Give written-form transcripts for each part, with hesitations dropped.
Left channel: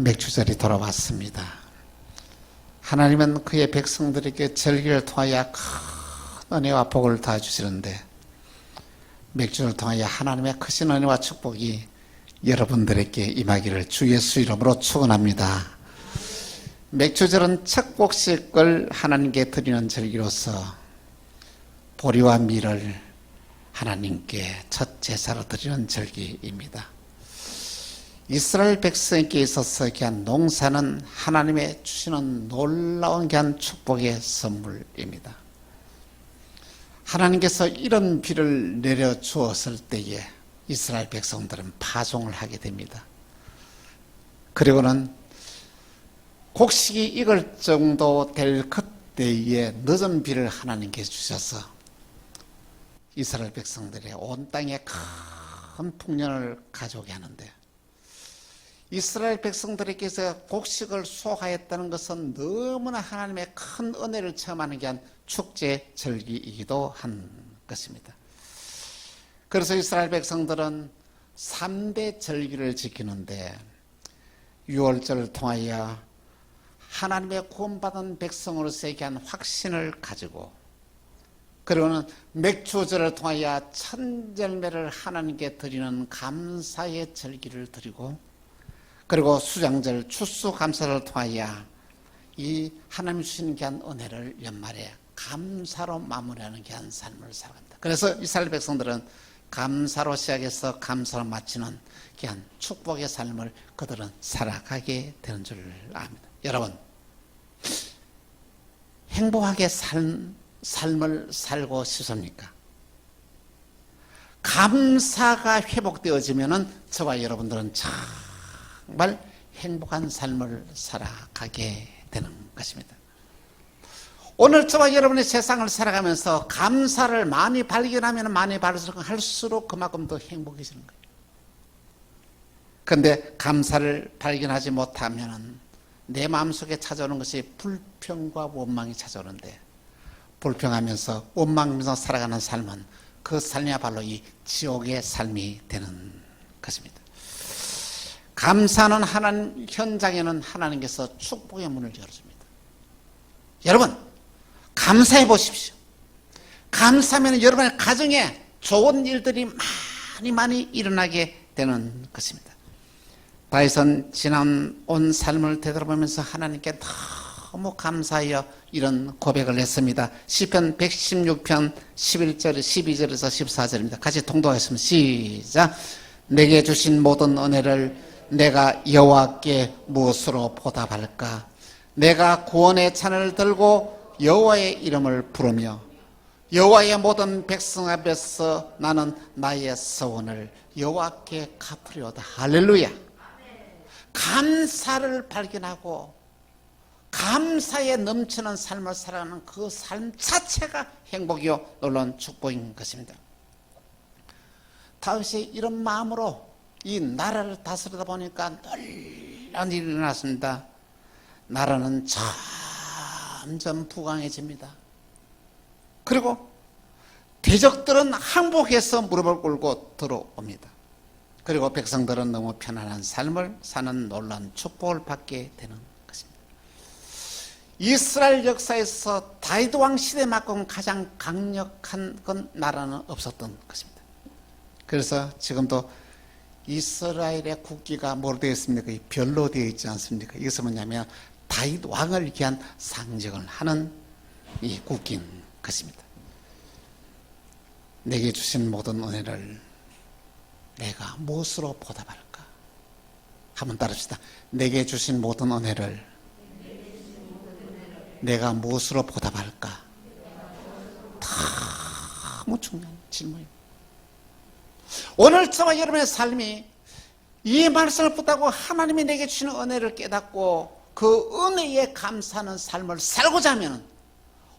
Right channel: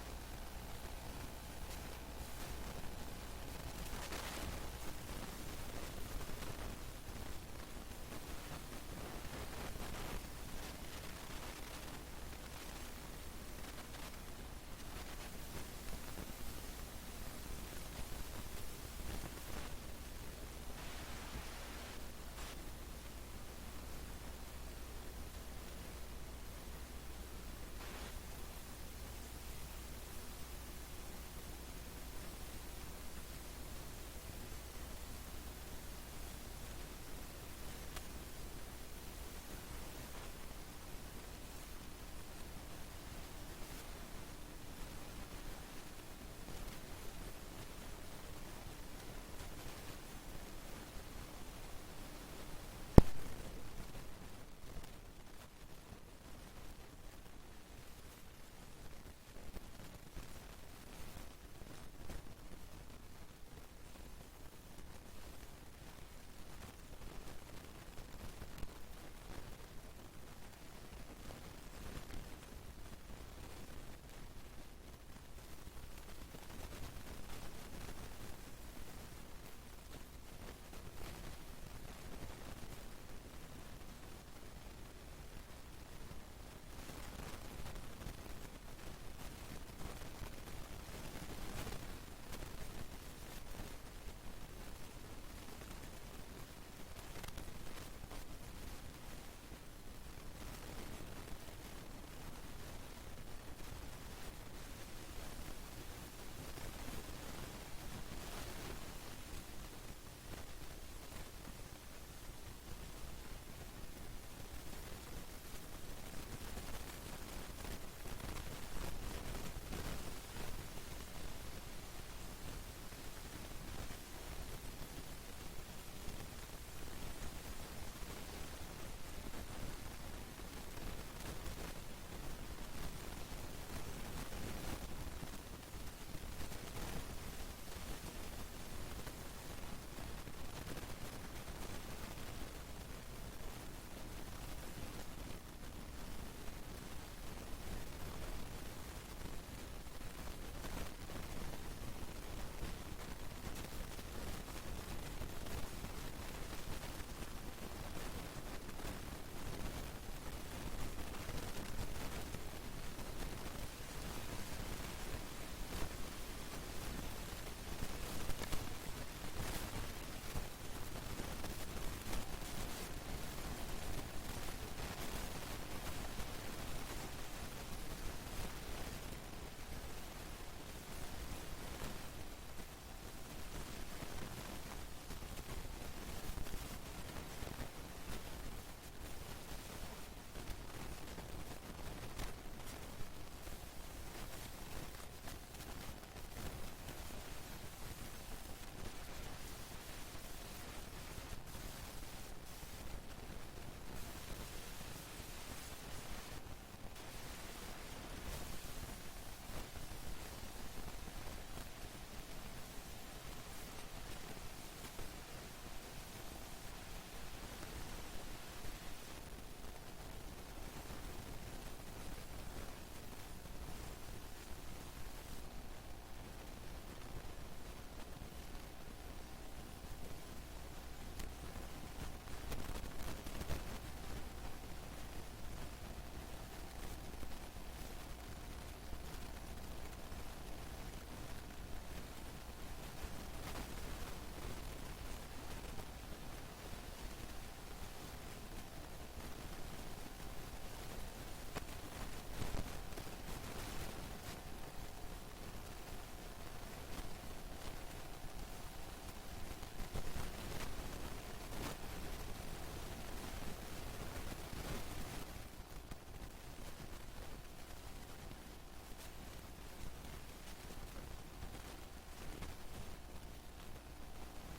맥주절이 돌아왔습니다. 하나님은 그의 백성들에게 절기를 통하여 큰 은혜와 복을 다 주시는데, 맥주를 통하여 하나님의 크신 은혜와 축복이 여러분들에게 임하기를 주 예수 이름으로 축원합니다. 맥주절은 축복식을 하나님께 드리는 절기로서 보리와 밀을 하나님께 첫 제사로 드리는 절기입니다. 이스라엘 백성에게 있어서 귀한 농사는 하나님의 주시는 놀라운 귀한 축복의 선물입니다. 하나님께서 이런 비를 내려주었을 때에 이스라엘 백성들은 파종을 하게 됩니다. 그리고는 곡식이 익을 정도 될 그때에 늦은 비를 하나님께 주셔서 이스라엘 백성들의 온 땅에 큰 풍년을 가져오게 하는데, 이스라엘 백성들에게서 곡식을 수확하였다는 것은 너무나 하나님의 큰 은혜를 체험하는 게 한 축제 절기이기도 한 것입니다. 그래서 이스라엘 백성들은 3대 절기를 지키는데, 유월절을 통하여 하나님의 구원받은 백성으로서의 귀한 확신을 가지고, 그리고는 맥주절을 통하여 천절매를 하나님께 드리는 감사의 절기를 드리고, 그리고 수장절 추수감사를 통하여 이 하나님 주신 귀한 은혜를 연말에 감사로 마무리하는 귀한 삶을 살아갑니다. 그래서 이스라엘 백성들은 감사로 시작해서 감사로 마치는 귀한 축복의 삶을 그들은 살아가게 되는 줄 압니다. 여러분, 행복하게 삶을 살고 싶습니까? 감사가 회복되어지면은 저와 여러분들은 정말 행복한 삶을 살아가게 되는 것입니다. 오늘 저와 여러분의 세상을 살아가면서 감사를 많이 발견하면 많이 할수록 그만큼 더 행복해지는 거예요. 그런데 감사를 발견하지 못하면 내 마음속에 찾아오는 것이 불평과 원망이 찾아오는데, 불평하면서 원망하면서 살아가는 삶은 그 삶이야말로 이 지옥의 삶이 되는 것입니다. 감사는 하나님 현장에는 하나님께서 축복의 문을 열어줍니다. 여러분, 감사해 보십시오. 감사하면 여러분의 가정에 좋은 일들이 많이 일어나게 되는 것입니다. 다윗은 지난 온 삶을 되돌아보면서 하나님께 너무 감사하여 이런 고백을 했습니다. 시편 116편 11절, 12절에서 14절입니다. 같이 통독하겠습니다. 시작. 내게 주신 모든 은혜를 내가 여호와께 무엇으로 보답할까? 내가 구원의 찬을 들고 여호와의 이름을 부르며 여호와의 모든 백성 앞에서 나는 나의 서원을 여호와께 갚으려다. 할렐루야. 감사를 발견하고 감사에 넘치는 삶을 살아가는 그 삶 자체가 행복이요 놀라운 축복인 것입니다. 다윗이 이런 마음으로 이 나라를 다스리다 보니까 놀라운 일이 일어났습니다. 나라는 점점 부강해집니다. 그리고 대적들은 항복해서 무릎을 꿇고 들어옵니다. 그리고 백성들은 너무 편안한 삶을 사는 놀라운 축복을 받게 되는 것입니다. 이스라엘 역사에서 다윗 왕 시대만큼 가장 강력한 나라는 없었던 것입니다. 그래서 지금도 이스라엘의 국기가 뭐로 되어 있습니까? 별로 되어 있지 않습니까? 이것은 뭐냐면 다윗 왕을 위한 상징을 하는 이 국기인 것입니다. 내게 주신 모든 은혜를 내가 무엇으로 보답할까? 한번 따릅시다. 내게 주신 모든 은혜를 내가 무엇으로 보답할까? 너무 중요한 질문. 오늘 저와 여러분의 삶이 이 말씀을 붙잡고 하나님이 내게 주시는 은혜를 깨닫고 그 은혜에 감사하는 삶을 살고자 하면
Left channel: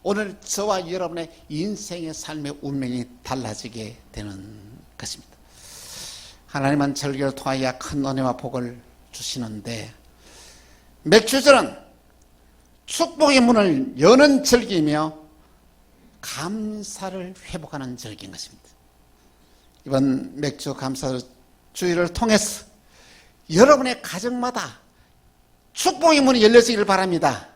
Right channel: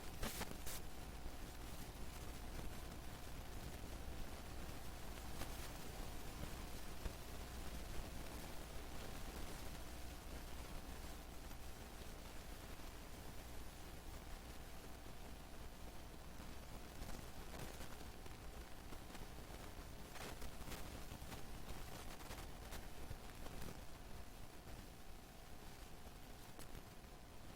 오늘 저와 여러분의 인생의 삶의 운명이 달라지게 되는 것입니다. 하나님은 절기를 통하여 큰 은혜와 복을 주시는데, 맥주절은 축복의 문을 여는 절기이며 감사를 회복하는 절기인 것입니다. 이번 맥주 감사 주일을 통해서 여러분의 가정마다 축복의 문이 열려지기를 바랍니다.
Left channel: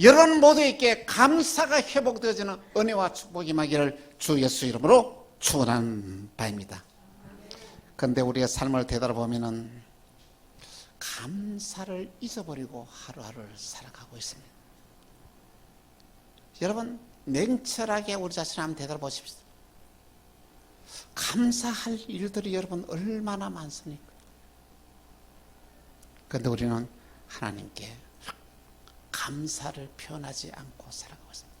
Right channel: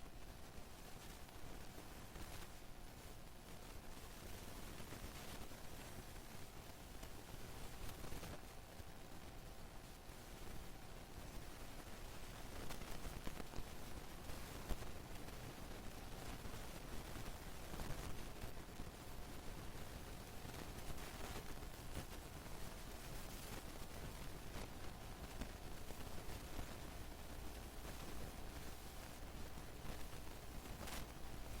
여러분 모두에게 감사가 회복되어지는 은혜와 축복이 임하기를 주 예수 이름으로 축원하는 바입니다. 그런데 우리의 삶을 되돌아보면은 감사를 잊어버리고 하루하루를 살아가고 있습니다. 여러분 냉철하게 우리 자신을 한번 되돌아보십시오. 감사할 일들이 여러분 얼마나 많습니까? 그런데 우리는 하나님께 감사를 표현하지 않고 살아가고 있습니다.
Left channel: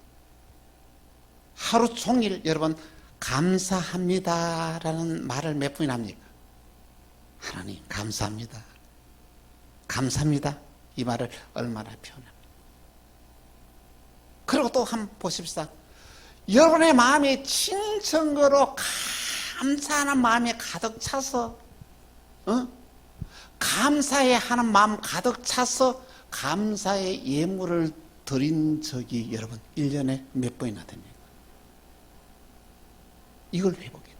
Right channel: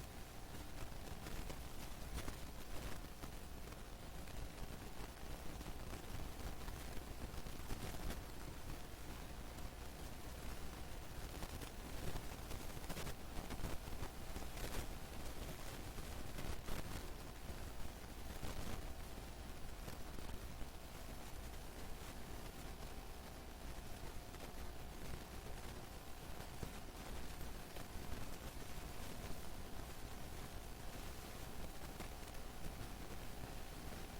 하루 종일 여러분 감사합니다라는 말을 몇 분이나 합니까? 하나님 감사합니다. 감사합니다. 이 말을 얼마나 표현합니까? 그리고 또 한번 보십시다. 여러분의 마음이 진정으로 감사하는 마음이 가득 차서 감사해 하는 마음 가득 차서 감사의 예물을 드린 적이 여러분 1년에 몇 번이나 됩니까? 이걸 회복해요.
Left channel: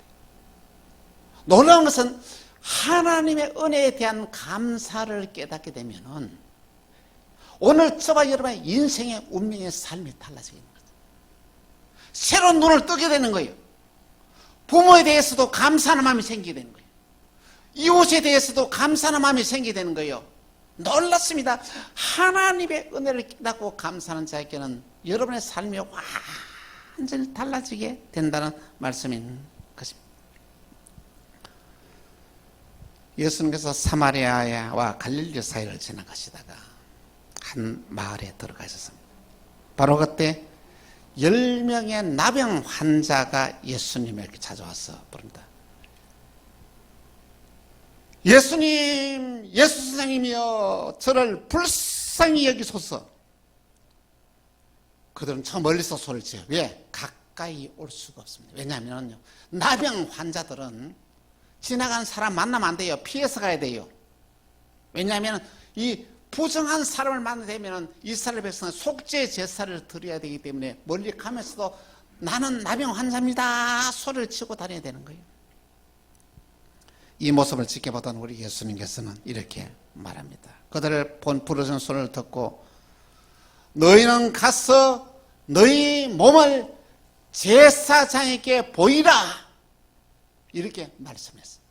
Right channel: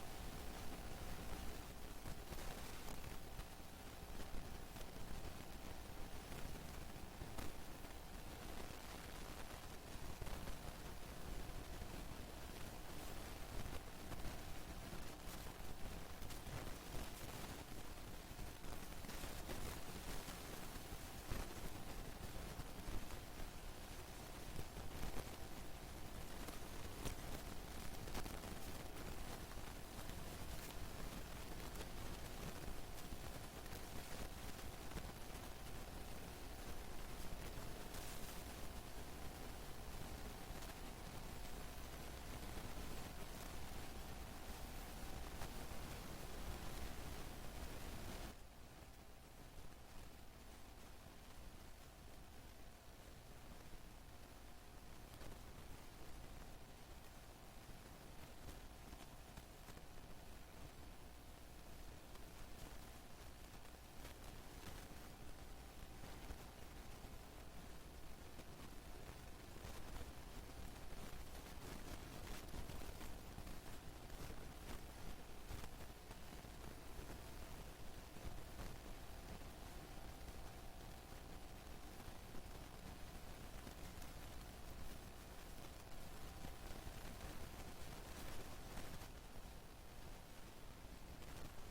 놀라운 것은 하나님의 은혜에 대한 감사를 깨닫게 되면 오늘 저와 여러분의 인생의 운명의 삶이 달라지게 됩니다. 새로운 눈을 뜨게 되는 거예요. 부모에 대해서도 감사하는 마음이 생기게 되는 거예요. 이웃에 대해서도 감사하는 마음이 생기게 되는 거예요. 놀랐습니다. 하나님의 은혜를 깨닫고 감사하는 자에게는 여러분의 삶이 완전히 달라지게 된다는 말씀인 것입니다. 예수님께서 사마리아와 갈릴리 사이를 지나가시다가 한 마을에 들어가셨습니다. 바로 그때 10명의 나병 환자가 예수님에게 찾아와서 부릅니다. 예수님, 예수 선생님이여, 저를 불쌍히 여기소서. 그들은 저 멀리서 소리를 지어요. 왜? 가까이 올 수가 없습니다. 왜냐하면 나병 환자들은 지나가는 사람 만나면 안 돼요. 피해서 가야 돼요. 왜냐하면 이 부정한 사람을 만나게 되면 이스라엘 백성은 속죄 제사를 드려야 되기 때문에 멀리 가면서도 나는 나병 환자입니다 소리를 치고 다녀야 되는 거예요. 이 모습을 지켜보던 우리 예수님께서는 이렇게 말합니다. 그들을 부르짖는 소리를 듣고 너희는 가서 너희 몸을 제사장에게 보이라 이렇게 말씀했어요.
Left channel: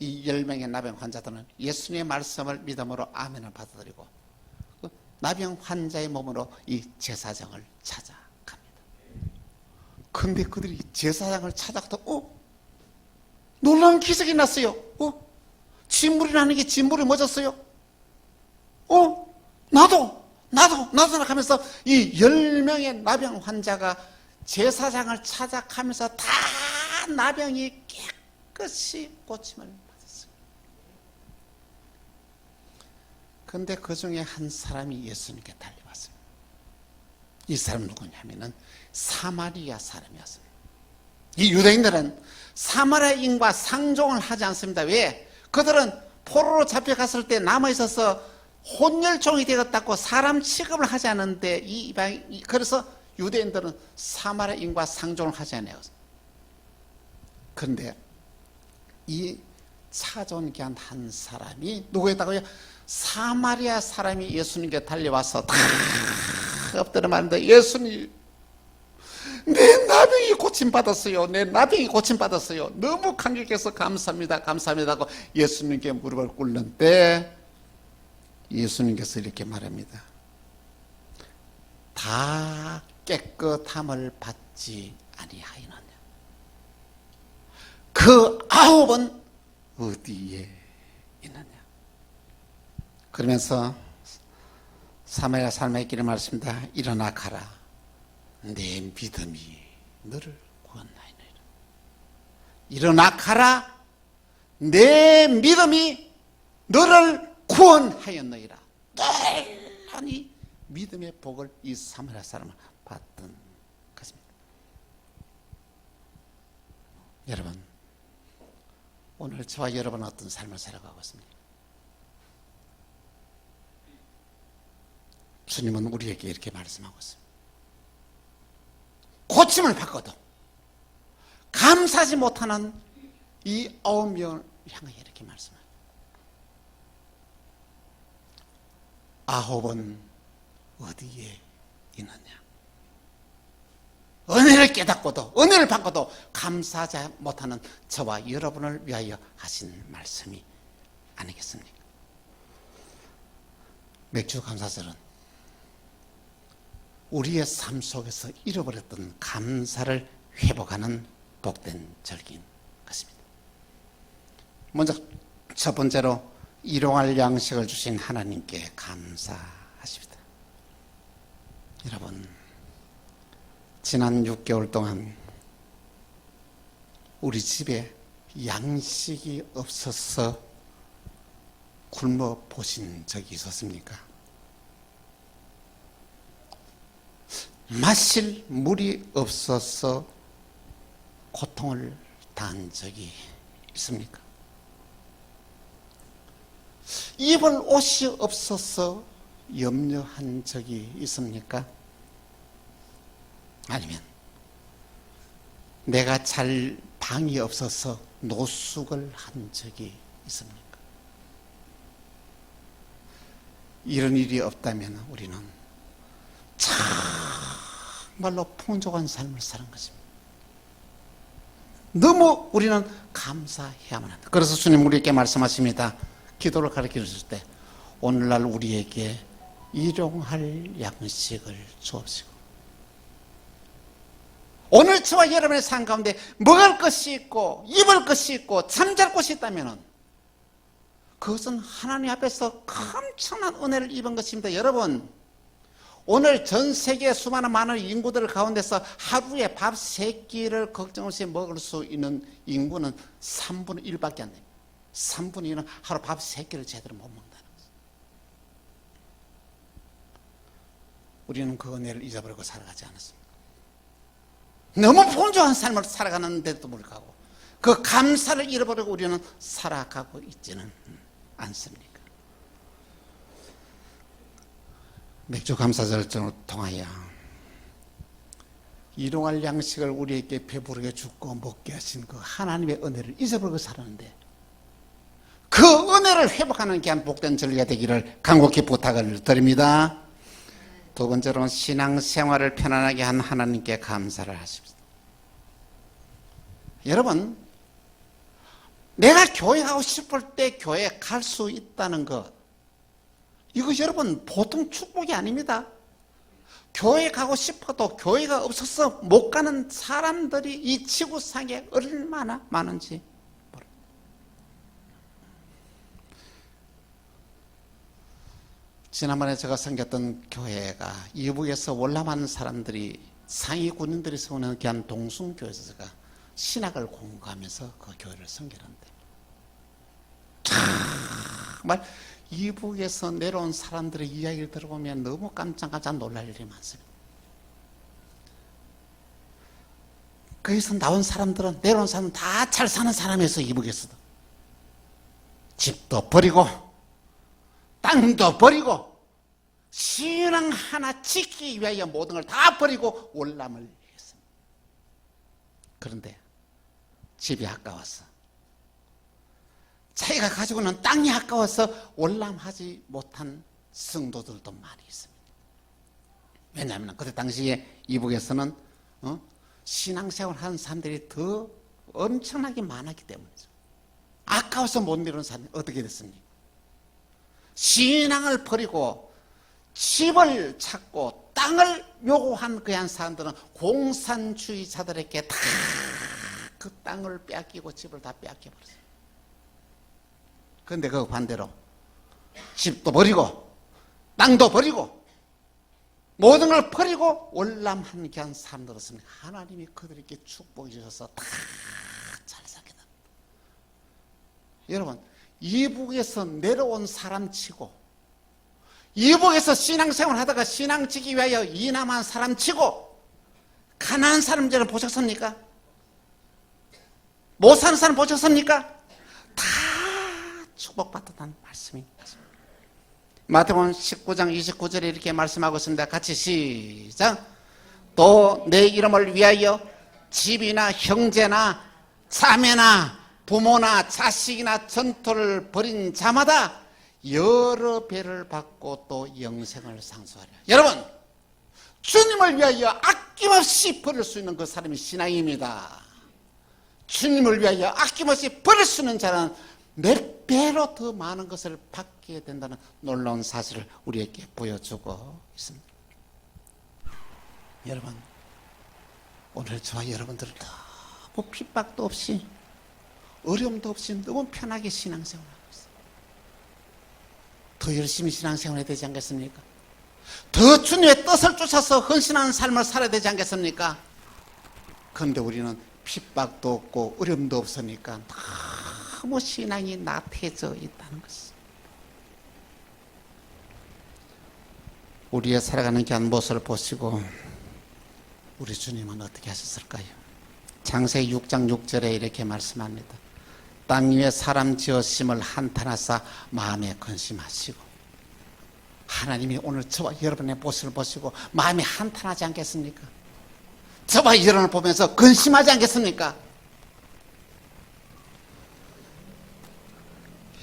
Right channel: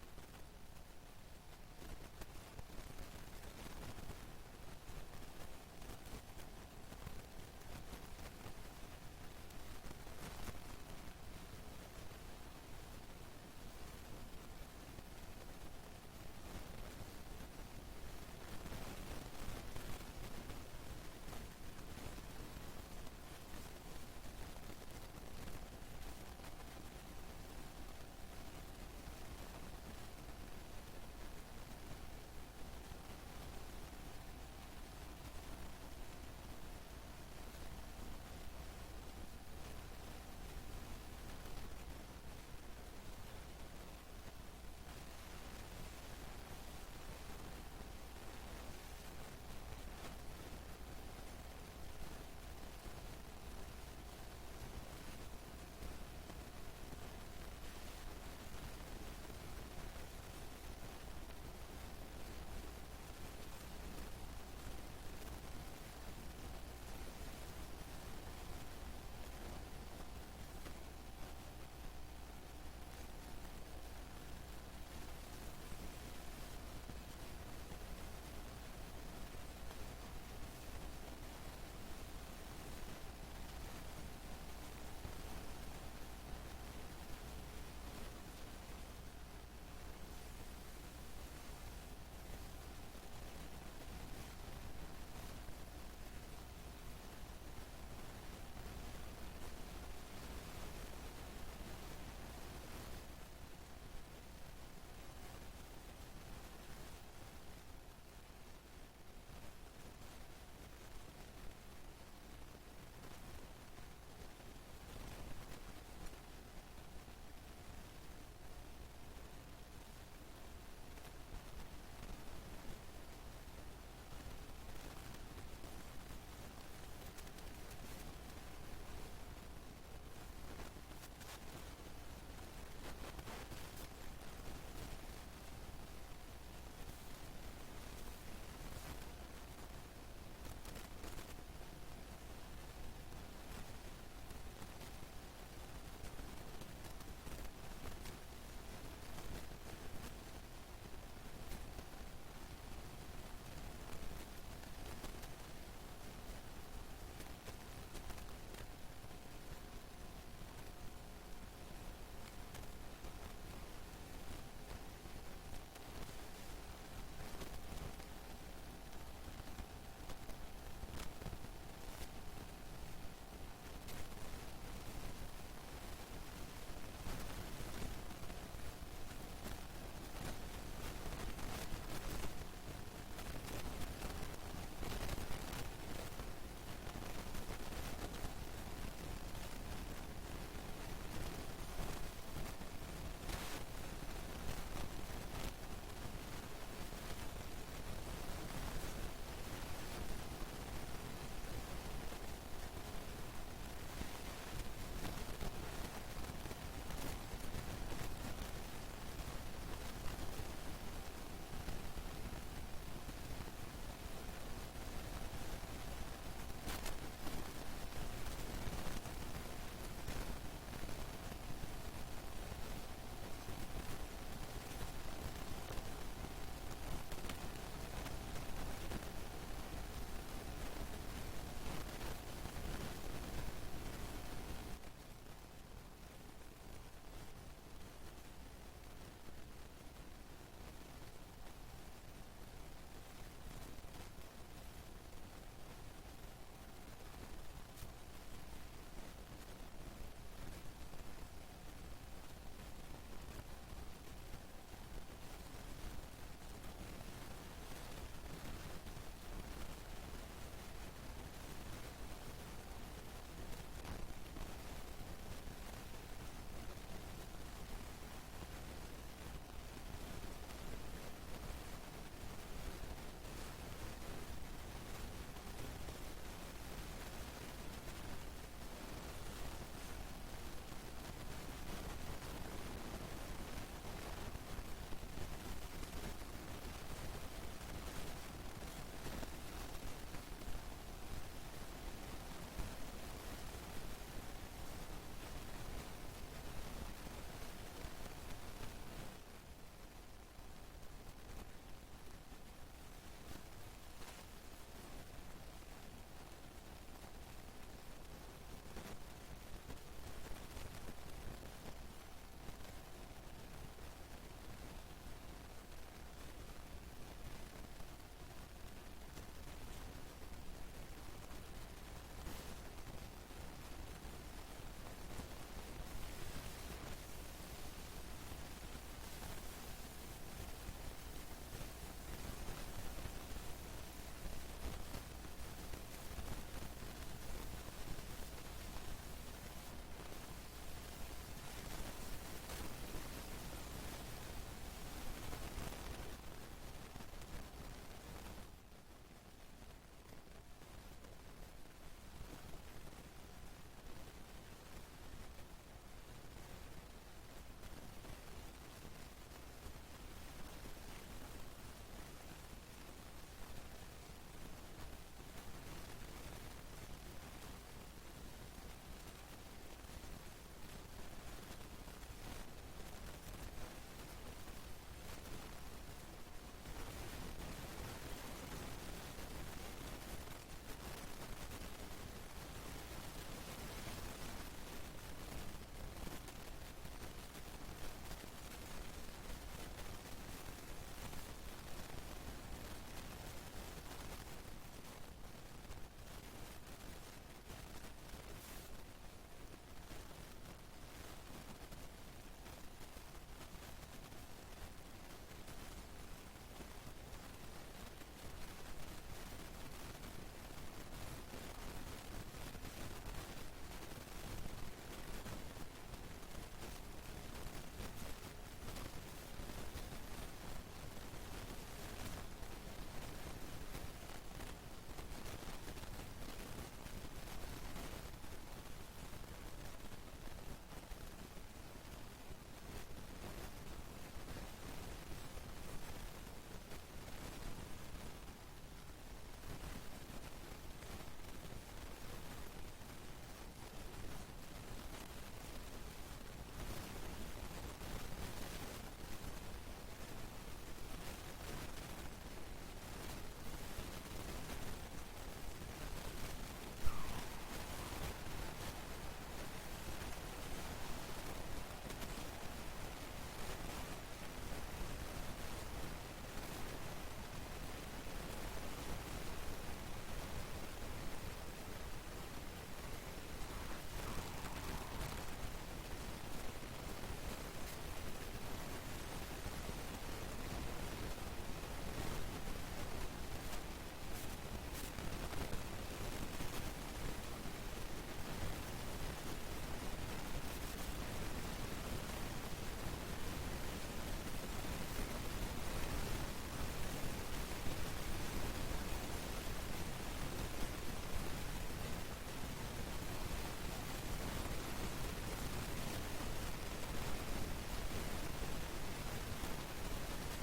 이 10명의 나병 환자들은 예수님의 말씀을 믿음으로 아멘을 받아들이고 나병 환자의 몸으로 이 제사장을 찾아갑니다. 그런데 그들이 제사장을 찾아가도 놀라운 기적이 났어요. 진물이 나는 게 진물이 멎었어요. 나도 하면서 이 10명의 나병 환자가 제사장을 찾아가면서 다 나병이 깨끗이 고침을 받았어요. 그런데 그 중에 한 사람이 예수님께 달려왔습니다. 이 사람 누구냐면은 사마리아 사람이었습니다. 이 유대인들은 사마리아인과 상종을 하지 않습니다. 왜? 그들은 포로로 잡혀갔을 때 남아있어서 혼혈종이 되었다고 사람 취급을 하지 않는데 그래서 유대인들은 사마리아인과 상종을 하지 않아요. 그런데 이 사존기한 한 사람이 누구였다고요? 사마리아 사람이 예수님께 달려와서 다 엎드려 말합니다. 예수님, 내 나병이 고침받았어요. 내 나병이 고침받았어요. 너무 감격해서 감사합니다. 감사합니다 하고 예수님께 무릎을 꿇는데 예수님께서 이렇게 말합니다. 다 깨끗함을 받지 아니하였느냐. 그 9은 어디에 있느냐. 그러면서 사마리아 사람에게 이렇게 말씀합니다. 일어나 가라. 내 믿음이 너를 구원하였느니라. 일어나 가라. 내 믿음이 너를 구원하였느니라. 놀라운 이 믿음의 복을 이 사마리아 사람은 받던 것입니다. 여러분, 오늘 저와 여러분은 어떤 삶을 살아가고 있습니까? 주님은 우리에게 이렇게 말씀하고 있습니다. 고침을 받고도 감사하지 못하는 이 9명을 향해 이렇게 말씀합니다. 9은 어디에 있느냐? 은혜를 깨닫고도 은혜를 받고도 감사하지 못하는 저와 여러분을 위하여 하신 말씀이 아니겠습니까? 맥주 감사절은 우리의 삶 속에서 잃어버렸던 감사를 회복하는 복된 절기인 것입니다. 먼저 첫 번째로 일용할 양식을 주신 하나님께 감사하십니다. 여러분, 지난 6개월 동안 우리 집에 양식이 없어서 굶어 보신 적이 있었습니까? 마실 물이 없어서 고통을 당한 적이 있습니까? 입을 옷이 없어서 염려한 적이 있습니까? 아니면 내가 잘 방이 없어서 노숙을 한 적이 있습니까? 이런 일이 없다면 우리는 정말로 풍족한 삶을 사는 것입니다. 너무 우리는 감사해야만 한다. 그래서 주님 우리에게 말씀하십니다. 기도를 가르쳐 주실 때 오늘날 우리에게 일용할 양식을 주옵시고, 오늘 저와 여러분의 삶 가운데 먹을 것이 있고 입을 것이 있고 잠잘 곳이 있다면 그것은 하나님 앞에서 엄청난 은혜를 입은 것입니다. 여러분, 오늘 전 세계 수많은 많은 인구들 가운데서 하루에 밥 3끼를 걱정 없이 먹을 수 있는 인구는 3분의 1밖에 안 돼요. 3분의 1은 하루 밥 3끼를 제대로 못 먹는다. 우리는 그 은혜를 잊어버리고 살아가지 않았습니다. 너무 풍족한 삶을 살아가는데도 불구하고 그 감사를 잃어버리고 우리는 살아가고 있지는 않습니까? 맥주 감사절을 통하여 일용할 양식을 우리에게 배부르게 주고 먹게 하신 그 하나님의 은혜를 잊어버리고 살았는데, 그 은혜를 회복하는 귀한 복된 절기가 되기를 간곡히 부탁을 드립니다. 두 번째로는 신앙생활을 편안하게 한 하나님께 감사를 하십시오. 여러분, 내가 교회 가고 싶을 때 교회 갈 수 있다는 것, 이거 여러분 보통 축복이 아닙니다. 교회 가고 싶어도 교회가 없어서 못 가는 사람들이 이 지구상에 얼마나 많은지. 지난번에 제가 섬겼던 교회가 이북에서 월남하는 사람들이 상위 군인들이 세우는 귀한 동순교회에서 제가 신학을 공부하면서 그 교회를 섬기는데, 정말 이북에서 내려온 사람들의 이야기를 들어보면 너무 깜짝깜짝 놀랄 일이 많습니다. 거기서 나온 사람들은, 내려온 사람은 다 잘 사는 사람이었어요. 이북에서 집도 버리고 땅도 버리고 신앙 하나 지키기 위하여 모든 걸 다 버리고 월남을 했어요. 그런데 집이 아까워서, 자기가 가지고 있는 땅이 아까워서 월남하지 못한 성도들도 많이 있어요. 왜냐하면 그때 당시에 이북에서는 신앙생활 하는 사람들이 더 엄청나게 많았기 때문에 아까워서 못 이루는 사람이 어떻게 됐습니까? 신앙을 버리고 집을 찾고 땅을 요구한 그한 사람들은 공산주의자들에게 다 그 땅을 빼앗기고 집을 다 빼앗겼어요. 그런데 그 반대로 집도 버리고 땅도 버리고 모든 걸 버리고 월남한 귀한 사람들었습니다. 하나님이 그들에게 축복해 주셔서 다 잘 살게 됩니다. 여러분, 이북에서 내려온 사람 치고, 이북에서 신앙생활 하다가 신앙 지기 위하여 이남한 사람 치고 가난한 사람들을 보셨습니까? 못 사는 사람 보셨습니까? 다 축복받았다는 말씀입니다. 마태복음 19장 29절에 이렇게 말씀하고 있습니다. 같이 시작. 또 내 이름을 위하여 집이나 형제나 자매나 부모나 자식이나 전토를 벌인 자마다 여러 배를 받고 또 영생을 상수하리라. 여러분, 주님을 위하여 아낌없이 버릴 수 있는 그 사람이 신앙입니다. 주님을 위하여 아낌없이 버릴 수 있는 자는 몇 배로 더 많은 것을 받게 된다는 놀라운 사실을 우리에게 보여주고 있습니다. 여러분, 오늘 저와 여러분들은 너무 핍박도 없이 어려움도 없이 너무 편하게 신앙생활하고 있어요. 더 열심히 신앙생활해야 되지 않겠습니까? 더 주님의 뜻을 쫓아서 헌신하는 삶을 살아야 되지 않겠습니까? 그런데 우리는 핍박도 없고 어려움도 없으니까 너무 신앙이 나태해져 있다는 것입니다. 우리의 살아가는 귀한 모습을 보시고 우리 주님은 어떻게 하셨을까요? 창세기 6장 6절에 이렇게 말씀합니다. 땅 위에 사람 지으심을 한탄하사 마음에 근심하시고. 하나님이 오늘 저와 여러분의 모습을 보시고 마음이 한탄하지 않겠습니까? 저와 여러분을 보면서 근심하지 않겠습니까?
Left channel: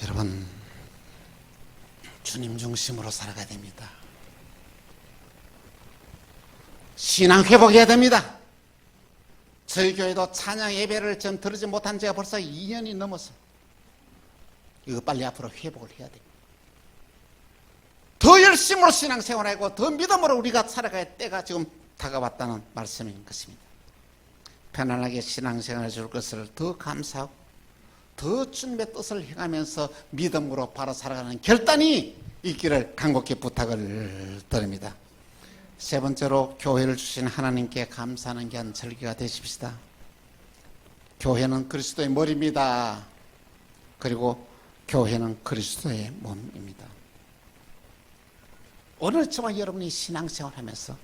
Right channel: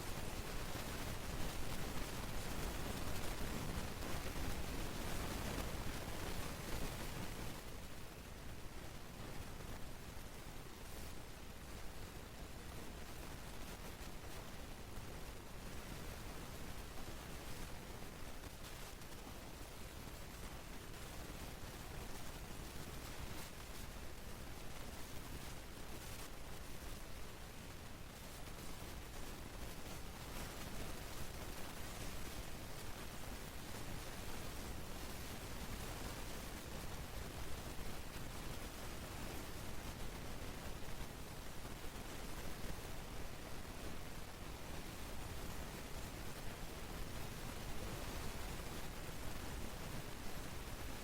여러분, 주님 중심으로 살아가야 됩니다. 신앙 회복해야 됩니다. 저희 교회도 찬양 예배를 전 들으지 못한 지가 벌써 2년이 넘었어요. 이거 빨리 앞으로 회복을 해야 돼요. 더 열심으로 신앙생활하고 더 믿음으로 우리가 살아갈 때가 지금 다가왔다는 말씀인 것입니다. 편안하게 신앙생활해 줄 것을 더 감사하고 더 주님의 뜻을 행하면서 믿음으로 바로 살아가는 결단이 있기를 간곡히 부탁을 드립니다. 세 번째로 교회를 주신 하나님께 감사하는 귀한 절기가 되십시다. 교회는 그리스도의 머리입니다. 그리고 교회는 그리스도의 몸입니다. 오늘 저와 여러분이 신앙생활하면서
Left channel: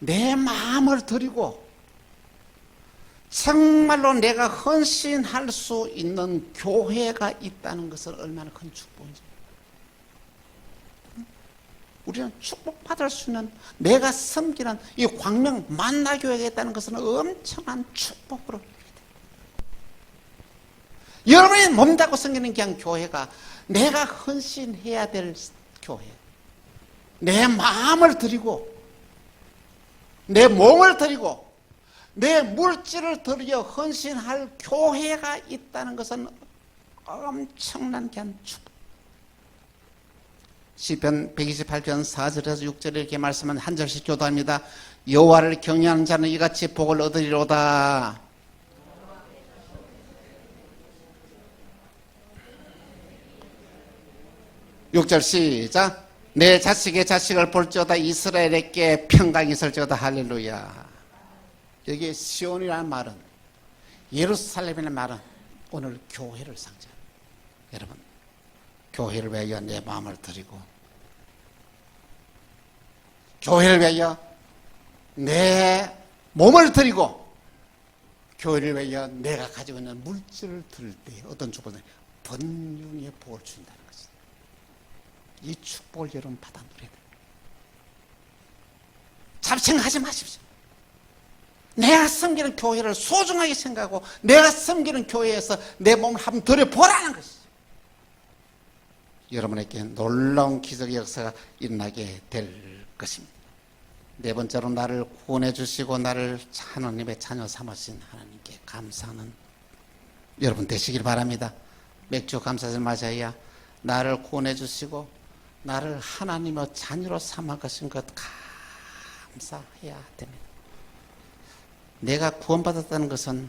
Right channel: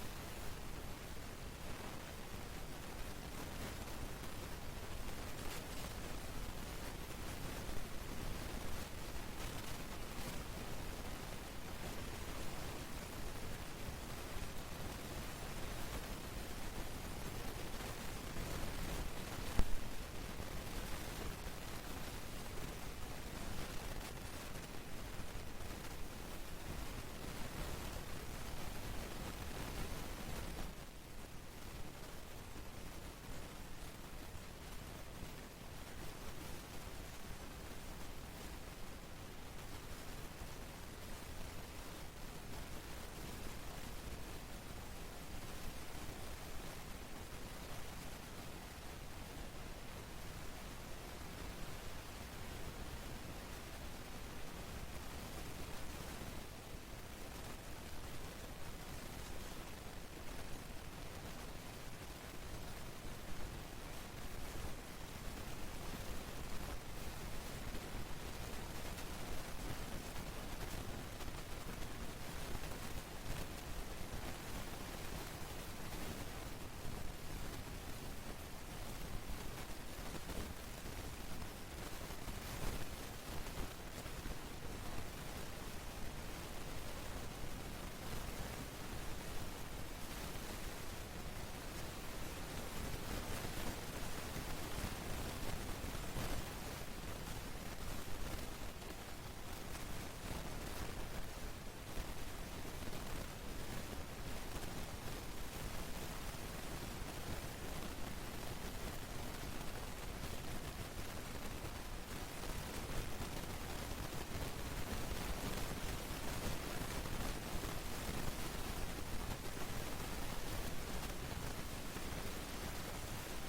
내 마음을 드리고 정말로 내가 헌신할 수 있는 교회가 있다는 것을 얼마나 큰 축복인지. 우리는 축복받을 수 있는, 내가 섬기는 이 광명 만나교회가 있다는 것은 엄청난 축복으로, 여러분이 몸다고 섬기는 그냥 교회가 내가 헌신해야 될 교회, 내 마음을 드리고 내 몸을 드리고 내 물질을 드려 헌신할 교회가 있다는 것은 엄청난 그냥 축복. 시편 128편 4절에서 6절에 이렇게 말씀은 한 절씩 교도합니다. 여호와를 경외하는 자는 이같이 복을 얻으리로다. 육 절 시작. 내 자식의 자식을 볼지어다. 이스라엘에게 평강이 있을지어다. 할렐루야. 여기 시온이라는 말은, 예루살렘이라는 말은 오늘 교회를 상징합니다. 여러분, 교회를 위하여 내 마음을 드리고 교회를 위하여 내 몸을 드리고 교회를 위하여 내가 가지고 있는 물질을 드릴 때 어떤 조건에 번영의 복을 준다는 것입니다. 이 축복을 여러분 받아들이고 잡생하지 마십시오. 내가 섬기는 교회를 소중하게 생각하고 내가 섬기는 교회에서 내 몸을 한번 들여보라는 것이죠. 여러분에게 놀라운 기적의 역사가 일어나게 될 것입니다. 네 번째로 나를 구원해 주시고 나를 하나님의 자녀 삼으신 하나님께 감사하는 여러분 되시길 바랍니다. 맥주 감사절 맞아야 나를 구원해 주시고 나를 하나님의 자녀로 삼아 가신 것 감사해야 됩니다. 내가 구원받았다는 것은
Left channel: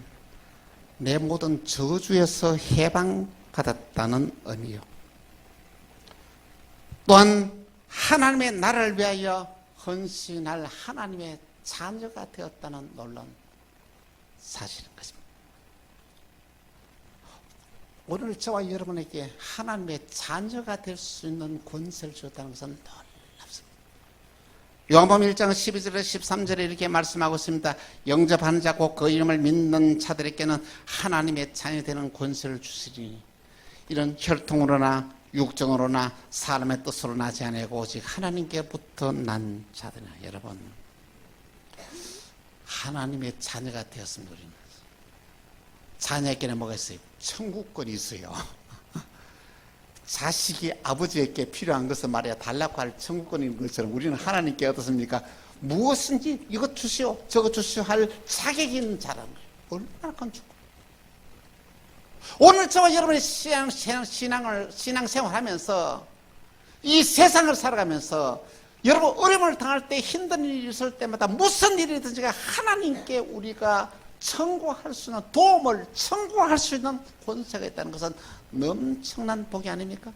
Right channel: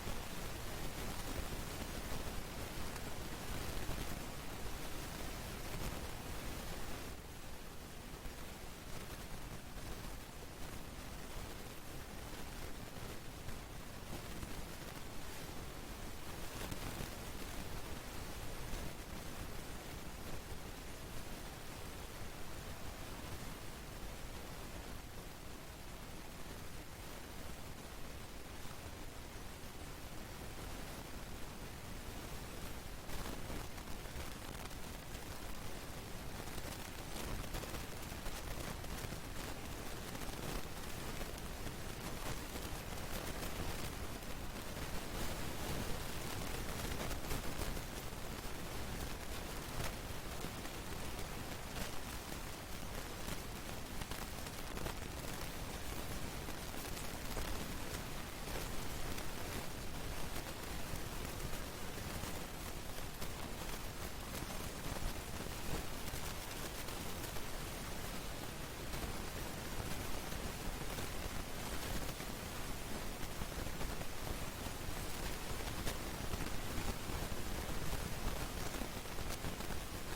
내 모든 저주에서 해방받았다는 의미요. 또한 하나님의 나라를 위하여 헌신할 하나님의 자녀가 되었다는 놀라운 사실인 것입니다. 오늘 저와 여러분에게 하나님의 자녀가 될 수 있는 권세를 주었다는 것은 놀랍습니다. 요한복음 1장 12절에 13절에 이렇게 말씀하고 있습니다. 영접하는 자 곧 그 이름을 믿는 자들에게는 하나님의 자녀 되는 권세를 주시리니 이런 혈통으로나 육정으로나 사람의 뜻으로 나지 아니하고 오직 하나님께부터 난 자들이나. 여러분, 하나님의 자녀가 되었습니다. 자녀에게는 뭐가 있어요? 천국권이 있어요. 자식이 아버지에게 필요한 것은 말이야 달라고 할 천국권인 것처럼 우리는 하나님께 어떻습니까? 무엇인지 이것 주시오 저것 주시오 할 자격이 있는 자라. 얼마나 건축. 오늘 저와 여러분의 신앙생활 하면서 이 세상을 살아가면서 여러분 어려움을 당할 때 힘든 일이 있을 때마다 무슨 일이든지 하나님께 우리가 청구할 수 있는 도움을 청구할 수 있는 권세가 있다는 것은 엄청난 복이 아닙니까?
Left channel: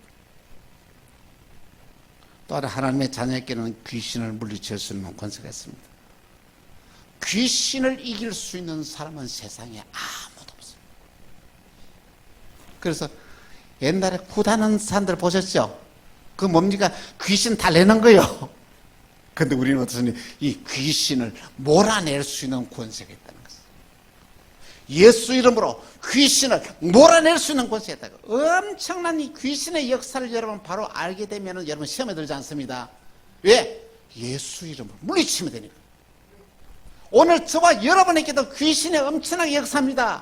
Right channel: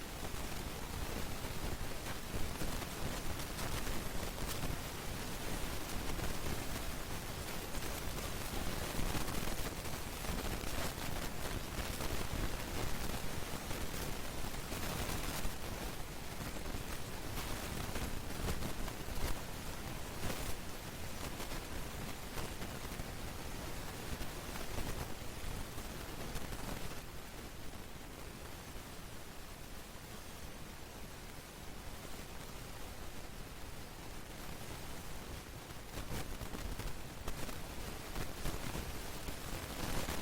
또한 하나님의 자녀에게는 귀신을 물리칠 수 있는 권세가 있습니다. 귀신을 이길 수 있는 사람은 세상에 아무도 없습니다. 그래서 옛날에 구다는 사람들 보셨죠? 그 뭡니까? 귀신 달래는 거요. 근데 우리는 어떻습니까? 이 귀신을 몰아낼 수 있는 권세가 있다는 거죠. 예수 이름으로 귀신을 몰아낼 수 있는 권세가 있다고. 엄청난 이 귀신의 역사를 여러분 바로 알게 되면 여러분 시험에 들지 않습니다. 왜? 예수 이름으로 물리치면 되니까. 오늘 저와 여러분에게도 귀신의 엄청나게 역사합니다.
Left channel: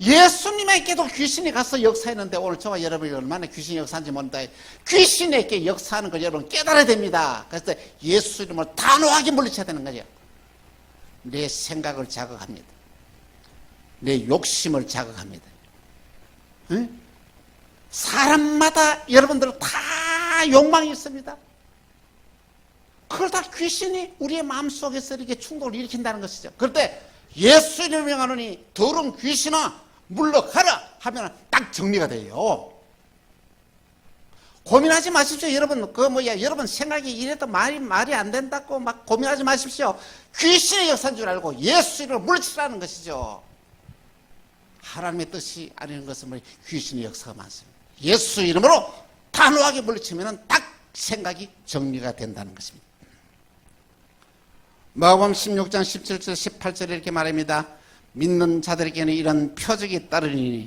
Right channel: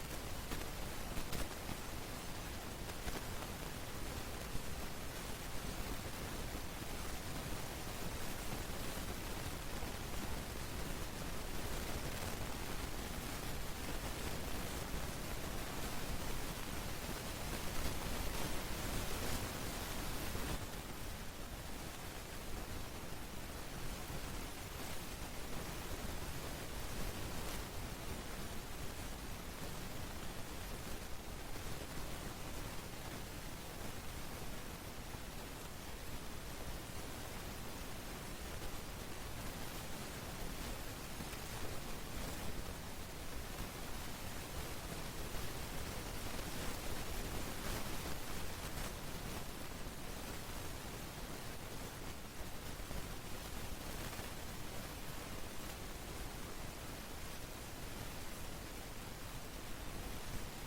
예수님에게도 귀신이 가서 역사했는데 오늘 저와 여러분이 얼마나 귀신이 역사한지 모른다. 귀신에게 역사하는 걸 여러분 깨달아야 됩니다. 그래서 예수 이름을 단호하게 물리쳐야 되는 거죠. 내 생각을 자극합니다. 내 욕심을 자극합니다. 응? 사람마다 여러분들 다 욕망이 있습니다. 그걸 다 귀신이 우리의 마음속에서 이렇게 충동을 일으킨다는 것이죠. 그럴 때 예수 이름을 명하노니 더러운 귀신아 물러가라 하면 딱 정리가 돼요. 고민하지 마십시오. 여러분 여러분 생각이 이래도 말이 안 된다고 막 고민하지 마십시오. 귀신의 역사인 줄 알고 예수 이름을 물리치라는 것이죠. 하나님의 뜻이 아닌 것은 귀신의 역사가 많습니다. 예수 이름으로 단호하게 물리치면 딱 생각이 정리가 된다는 것입니다. 마가복음 16장 17절 18절에 이렇게 말합니다. 믿는 자들에게는 이런 표적이 따르니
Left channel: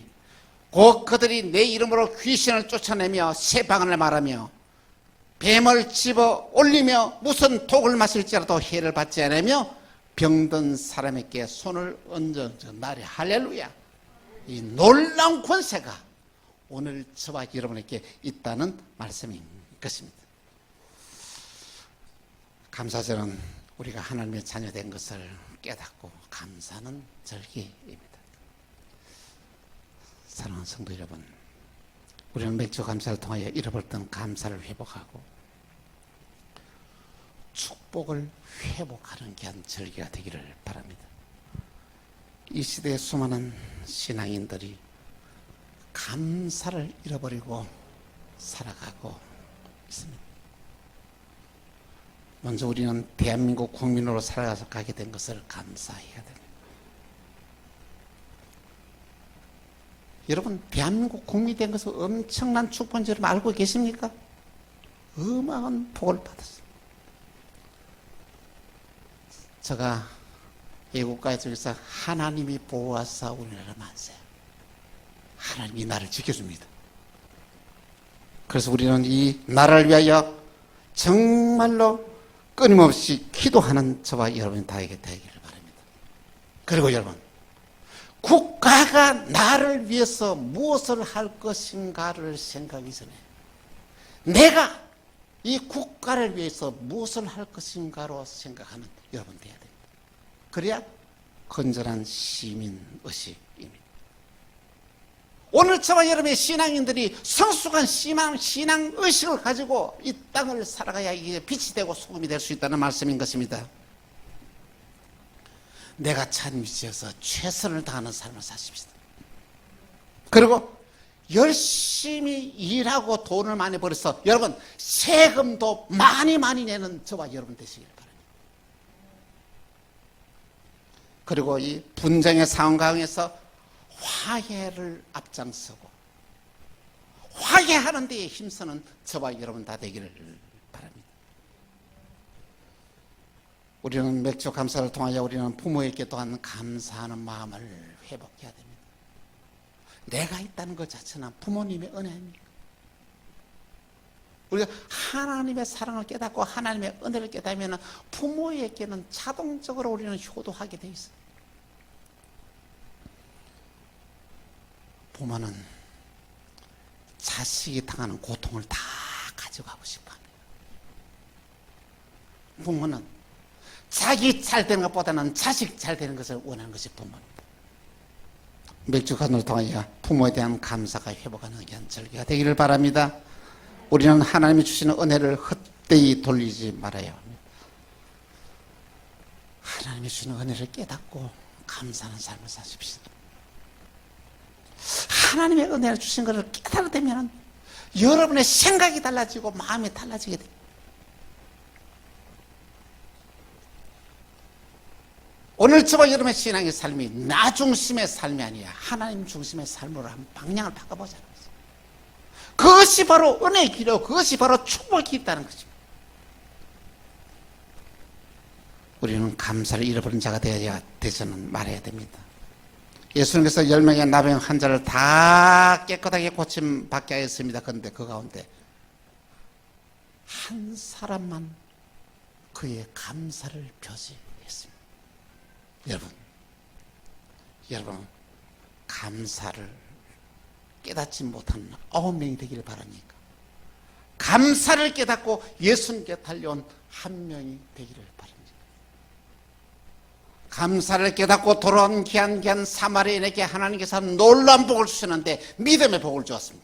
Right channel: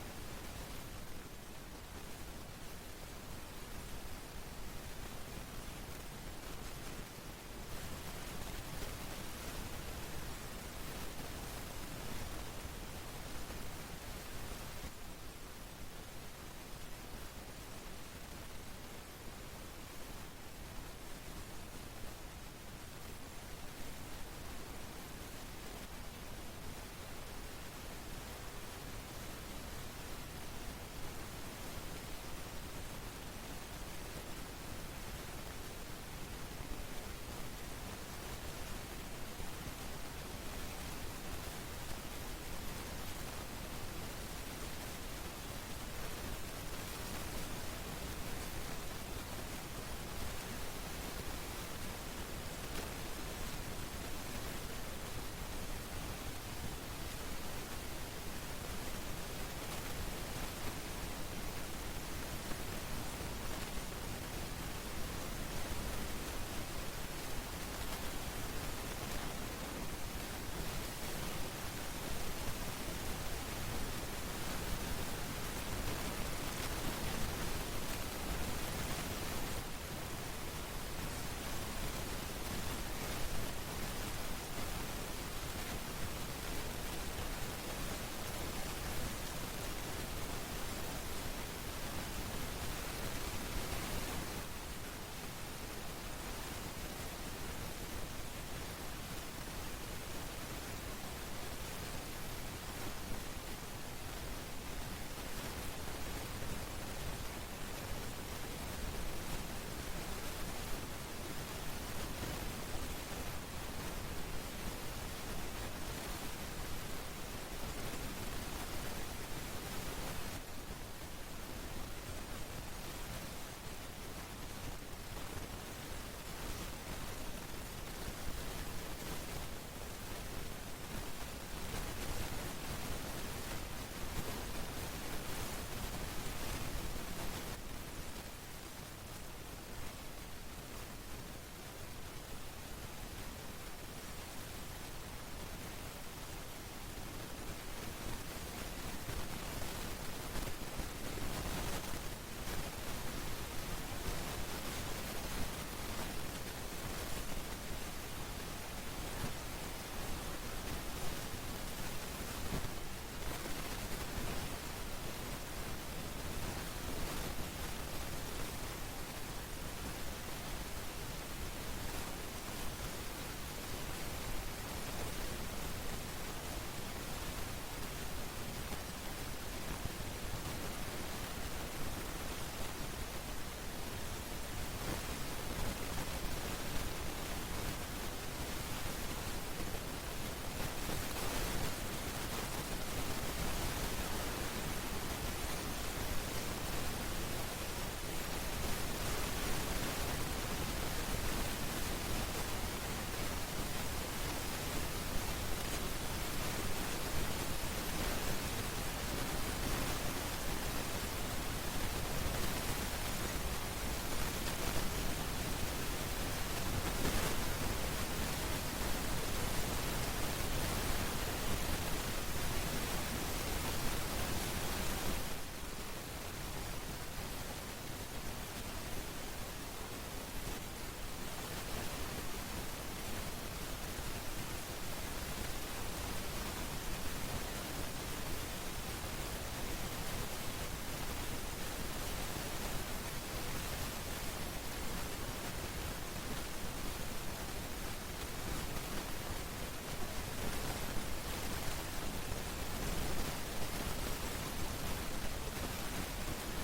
곧 그들이 내 이름으로 귀신을 쫓아내며 새 방언을 말하며 뱀을 집어 올리며 무슨 독을 마실지라도 해를 받지 않으며 병든 사람에게 손을 얹어 나리. 할렐루야. 이 놀라운 권세가 오늘 저와 여러분에게 있다는 말씀인 것입니다. 감사절은 우리가 하나님의 자녀된 것을 깨닫고 감사는 절기. 사랑하는 성도 여러분, 우리는 맥주 감사를 통하여 잃어버렸던 감사를 회복하고 축복을 회복하는 귀한 절기가 되기를 바랍니다. 이 시대의 수많은 신앙인들이 감사를 잃어버리고 살아가고 있습니다. 먼저 우리는 대한민국 국민으로 살아가서 가게 된 것을 감사해야 됩니다. 여러분 대한민국 국민이 된 것은 엄청난 축복인 줄 알고 계십니까? 어마어마한 복을 받으십니다. 제가 애국가에 저기서 하나님이 보호하사 우리나라 만세. 하나님이 나를 지켜줍니다. 그래서 우리는 이 나라를 위하여 정말로 끊임없이 기도하는 저와 여러분이 다 되기를 바랍니다. 그리고 여러분 국가가 나를 위해서 무엇을 할 것인가를 생각해서 내가 이 국가를 위해서 무엇을 할 것인가로 생각하는 여러분들. 그래야 건전한 시민의식입니다. 오늘 저와 여러분의 신앙인들이 성숙한 신앙의식을 가지고 이 땅을 살아가야 이게 빛이 되고 소금이 될 수 있다는 말씀인 것입니다. 내가 참 지어서 최선을 다하는 삶을 사십시다. 그리고 열심히 일하고 돈을 많이 벌어서 여러분 세금도 많이 내는 저와 여러분 되십니다. 그리고 이 분쟁의 상황 가운데서 화해를 앞장서 화해하는 데에 힘쓰는 저와 여러분 다 되기를 바랍니다. 우리는 맥주 감사를 통하여 우리는 부모에게 또한 감사하는 마음을 회복해야 됩니다. 내가 있다는 것 자체나 부모님의 은혜입니다. 우리가 하나님의 사랑을 깨닫고 하나님의 은혜를 깨닫으면 부모에게는 자동적으로 우리는 효도하게 되어 있습니다. 부모는 자식이 당하는 고통을 다 가져가고 싶어. 부모는 자기 잘 되는 것보다는 자식 잘 되는 것을 원하는 것이 부모. 맥주간을 통하여 부모에 대한 감사가 회복하는 귀한 절기가 되기를 바랍니다. 우리는 하나님이 주시는 은혜를 헛되이 돌리지 말아요. 하나님이 주시는 은혜를 깨닫고 감사하는 삶을 사십시오. 하나님의 은혜를 주신 것을 깨달게 되면 여러분의 생각이 달라지고 마음이 달라지게 됩니다. 오늘 저와 여러분의 신앙의 삶이 나 중심의 삶이 아니라 하나님 중심의 삶으로 한번 방향을 바꿔보세요. 그것이 바로 은혜의 길이고 그것이 바로 축복이 있다는 거죠. 우리는 감사를 잃어버린 자가 되지는 말아야 됩니다. 예수님께서 10명의 나병 환자를 다 깨끗하게 고침받게 하였습니다. 그런데 그 가운데 한 사람만 그의 감사를 표시했습니다. 여러분 감사를 깨닫지 못하는 9명이 되기를 바랍니다. 감사를 깨닫고 예수님께 달려온 한 명이 되기를 바랍니다. 감사를 깨닫고 돌아온 귀한 사마리아인에게 하나님께서 놀라운 복을 주셨는데 믿음의 복을 주었습니다.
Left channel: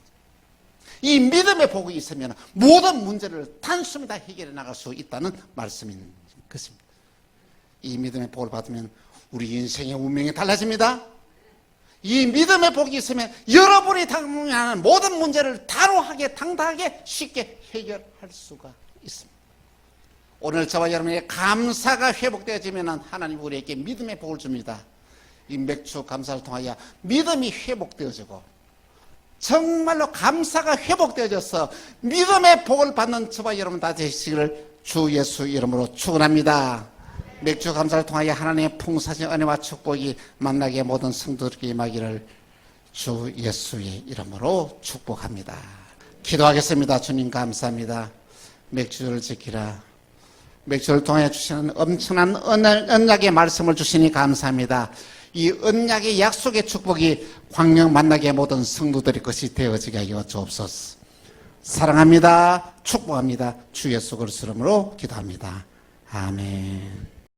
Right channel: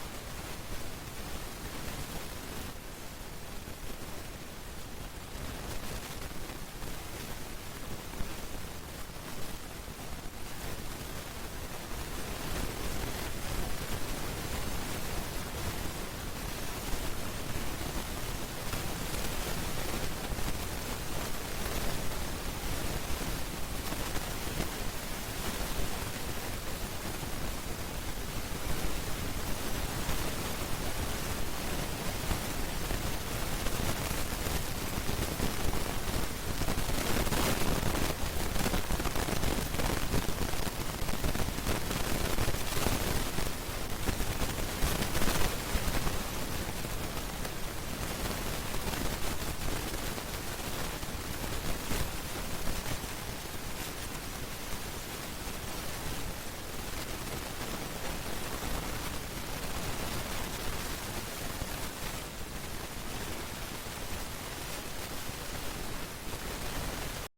이 믿음의 복이 있으면 모든 문제를 단숨에 다 해결해 나갈 수 있다는 말씀입니다. 그래서 이 믿음의 복을 받으면 우리 인생의 운명이 달라집니다. 이 믿음의 복이 있으면 여러분이 당면하는 모든 문제를 단호하게 당당하게 쉽게 해결할 수가 있습니다. 오늘 저와 여러분의 감사가 회복되어지면 하나님 우리에게 믿음의 복을 줍니다. 이 맥주 감사를 통하여 믿음이 회복되어지고 정말로 감사가 회복되어져서 믿음의 복을 받는 저와 여러분 다 되시기를 주 예수 이름으로 축원합니다. 맥주 감사를 통하여 하나님의 풍성하신 은혜와 축복이 만나게 모든 성도들에게 임하기를 주 예수의 이름으로 축복합니다. 기도하겠습니다. 주님 감사합니다. 맥주를 지키라. 맥주를 통해 주시는 엄청난 언약의 말씀을 주시니 감사합니다. 이 언약의 약속의 축복이 광명 만나게 모든 성도들의 것이 되어지게 하여 주옵소서. 사랑합니다. 축복합니다. 주 예수 그리스도 이름으로 기도합니다. 아멘.